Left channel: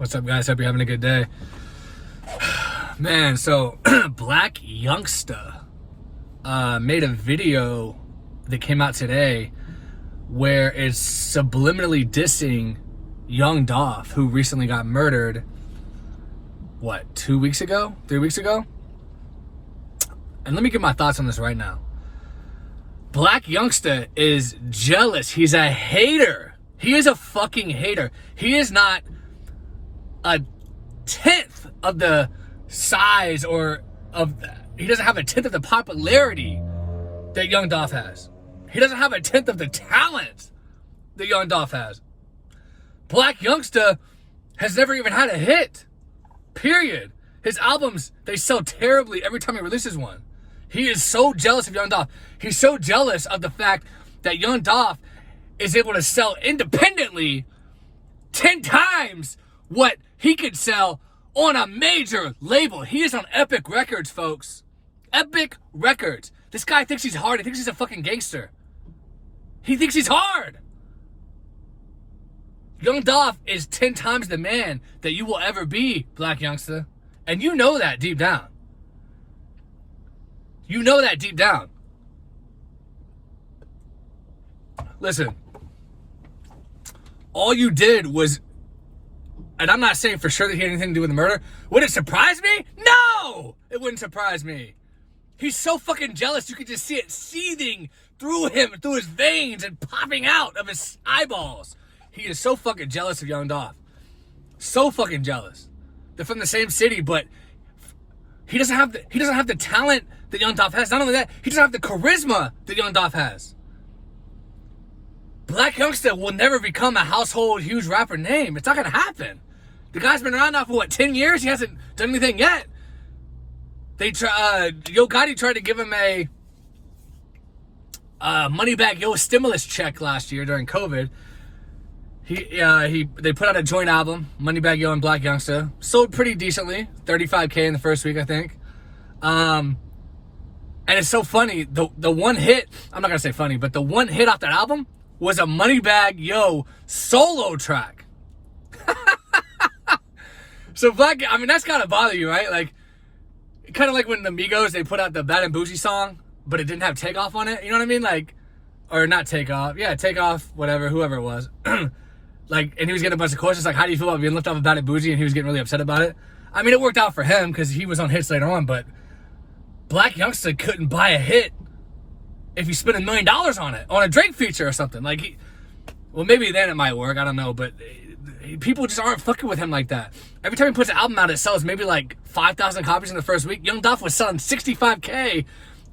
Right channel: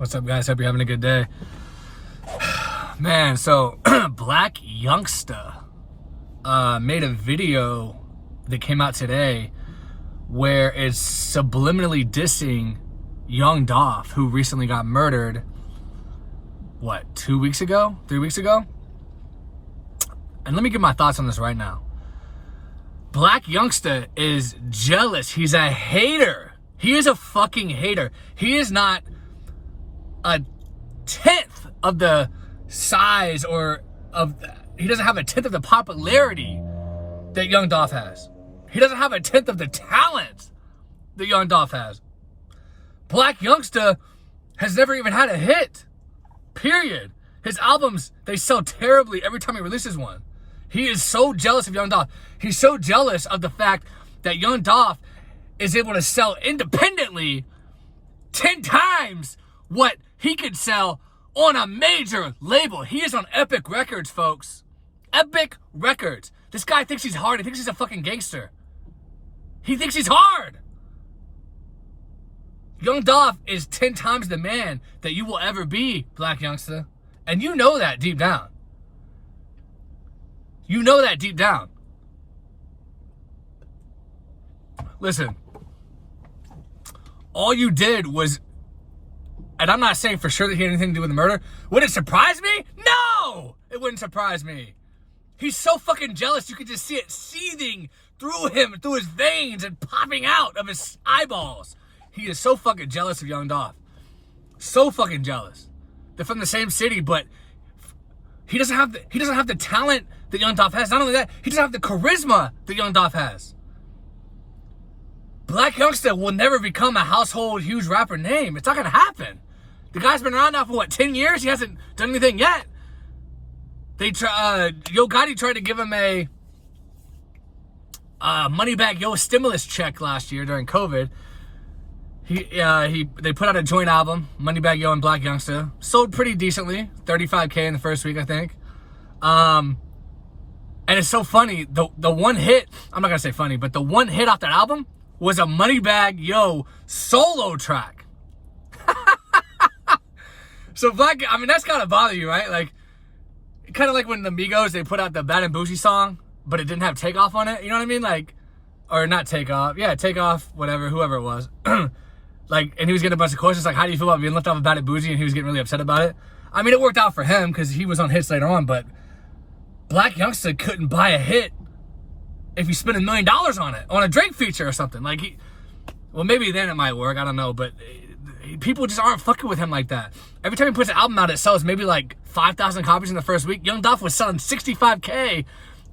What's up, guys? Hope you're having a good day. Man, so Blac Youngsta made a video that came out today where it's subliminally dissing young Dolph, who recently got murdered, 2 weeks ago? 3 weeks ago? And let me give my thoughts on this right now. Blac Youngsta is jealous. He's a hater. He is a fucking hater. He is not a tenth of the size he doesn't have a tenth of the popularity that young Dolph has. He doesn't have a tenth of the talent that young Dolph has. Blac Youngsta has never even had a hit. Period. His albums, they sell terribly every time he releases one. He is so jealous of young Dolph. He's so jealous of the fact that young Dolph is able to sell independently 10 times what he could sell on a major label. He is on Epic Records, folks. Epic Records. This guy thinks he's hard. He thinks he's a fucking gangster. He thinks he's hard. Young Dolph is 10 times the man that you will ever be, Blac Youngsta. And you know that deep down. You know that deep down. Listen, all you did was, and I'm not saying for sure that he had anything to do with the murder. Would it surprise me? No! It wouldn't surprise me. He's so fucking jealous, you could just see it seething through him, through his veins, and popping out of his eyeballs. He is so fucking jealous of young Dolph. So fucking jealous. They're from the same city, but he doesn't have the talent that young Dolph has. Not only that, he doesn't have the charisma that young Dolph has. Blac Youngsta will never become a household huge rapper name. It's not gonna happen. The guy's been around now for 10 years? He hasn't done anything yet. Yo Gotti tried to give him a Moneybag Yo stimulus check last year during COVID. They put out a joint album, Moneybag Yo and Blac Youngsta. Sold pretty decently, 35K in the first week, I think. And it's so funny, the one hit, I'm not gonna say funny, but the one hit off that album was a Moneybag Yo solo track. So Blac, I mean, that's gotta bother you, right? Like, kind of like when the Migos, they put out the Bad and Bougie song, but it didn't have Takeoff on it. You know what I mean? Like, or not Takeoff. Yeah, Takeoff, whatever, whoever it was. Like, and he was getting a bunch of questions like, how do you feel about being left off of Bad and Bougie? And he was getting really upset about it. I mean, it worked out for him because he was on hits later on, but Blac Youngsta couldn't buy a hit if he spent $1 million on it, on a Drake feature or something. Like, well, maybe then it might work, I don't know, but people just aren't fucking with him like that. Every time he puts an album out, it sells maybe like 5,000 copies in the first week. Young Dolph was selling 65K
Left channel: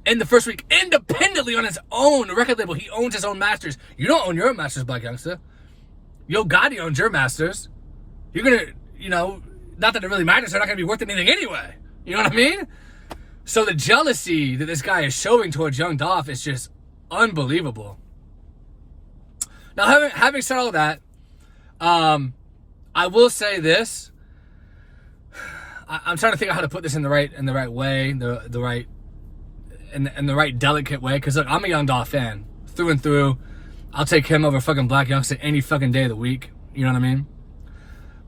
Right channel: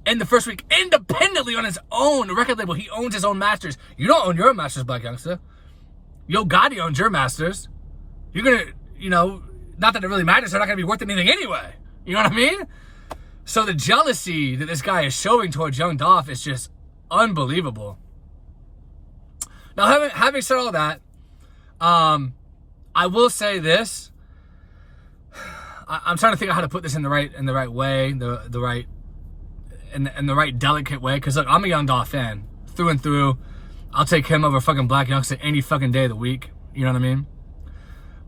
in the first week independently on his own record label. He owns his own masters. You don't own your own masters, Blac Youngsta. Yo Gotti owns your masters. You're gonna, not that it really matters, they're not gonna be worth anything anyway. You know what I mean? So the jealousy that this guy is showing towards young Dolph is just unbelievable. Now, having said all that, I will say this. I'm trying to think of how to put this in the right way, the right delicate way. Because look, I'm a young Dolph fan through and through. I'll take him over fucking Blac Youngsta any fucking day of the week. You know what I mean?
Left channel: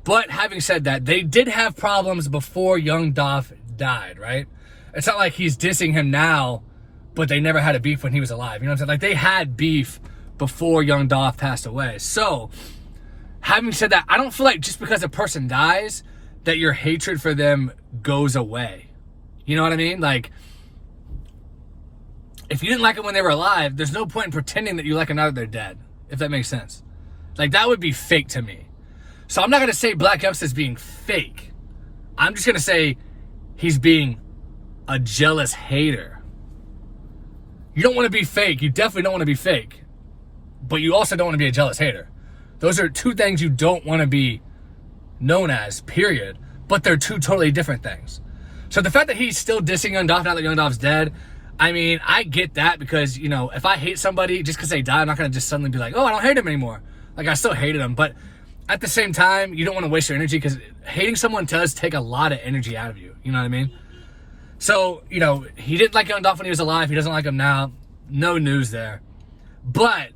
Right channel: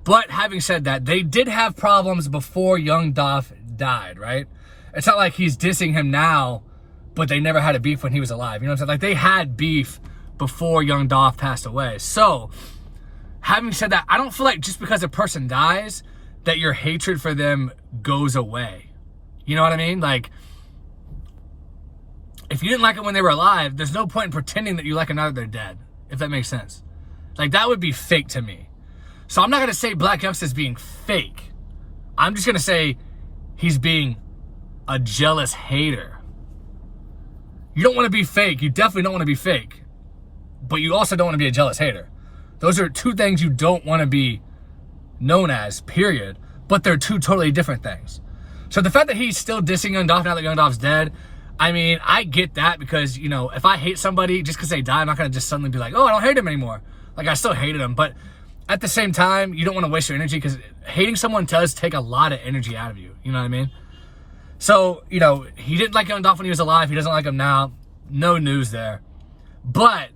But having said that, they did have problems before young Dolph died, right? It's not like he's dissing him now, but they never had a beef when he was alive. You know what I'm saying? Like, they had beef before young Dolph passed away. So, having said that, I don't feel like just because a person dies that your hatred for them goes away. You know what I mean? Like, if you didn't like them when they were alive, there's no point in pretending that you like them now that they're dead, if that makes sense. Like, that would be fake to me. So I'm not going to say Blac Youngsta is being fake. I'm just going to say he's being a jealous hater. You don't want to be fake. You definitely don't want to be fake. But you also don't want to be a jealous hater. Those are two things you don't want to be known as, period. But they're two totally different things. So the fact that he's still dissing young Dolph now that young Dolph's dead, I mean, I get that because, if I hate somebody just because they die, I'm not going to just suddenly be like, oh, I don't hate him anymore. Like, I still hated him. But at the same time, you don't want to waste your energy because hating someone does take a lot of energy out of you. You know what I mean? So, he didn't like young Dolph when he was alive. He doesn't like him now. No news there. But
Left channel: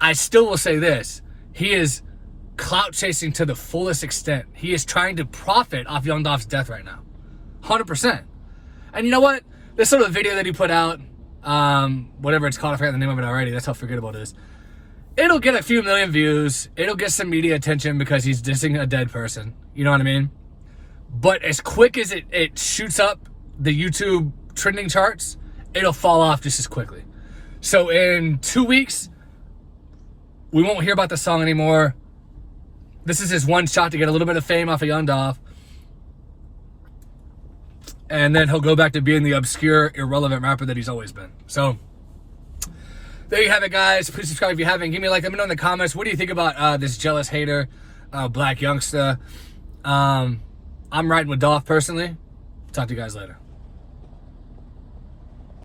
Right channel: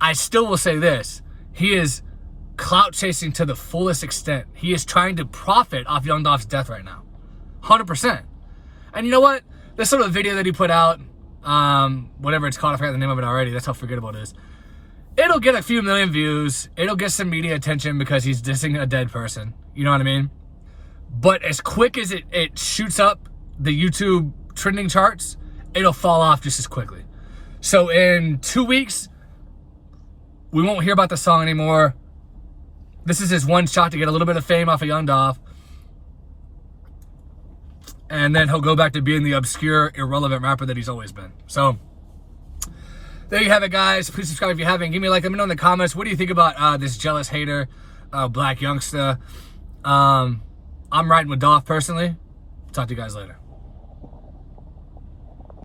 I still will say this. He is clout chasing to the fullest extent. He is trying to profit off Young Dolph's death right now. 100%. And you know what? This sort of video that he put out, whatever it's called, I forgot the name of it already. That's how forgettable it is. It'll get a few million views. It'll get some media attention because he's dissing a dead person. You know what I mean? But as quick as it shoots up the YouTube trending charts, it'll fall off just as quickly. So in 2 weeks, we won't hear about the song anymore. This is his one shot to get a little bit of fame off of Young Dolph. And then he'll go back to being the obscure, irrelevant rapper that he's always been. So there you have it, guys. Please subscribe if you haven't. Give me a like. Let me know in the comments. What do you think about this jealous hater, Blac Youngsta? I'm riding with Dolph personally. Talk to you guys later.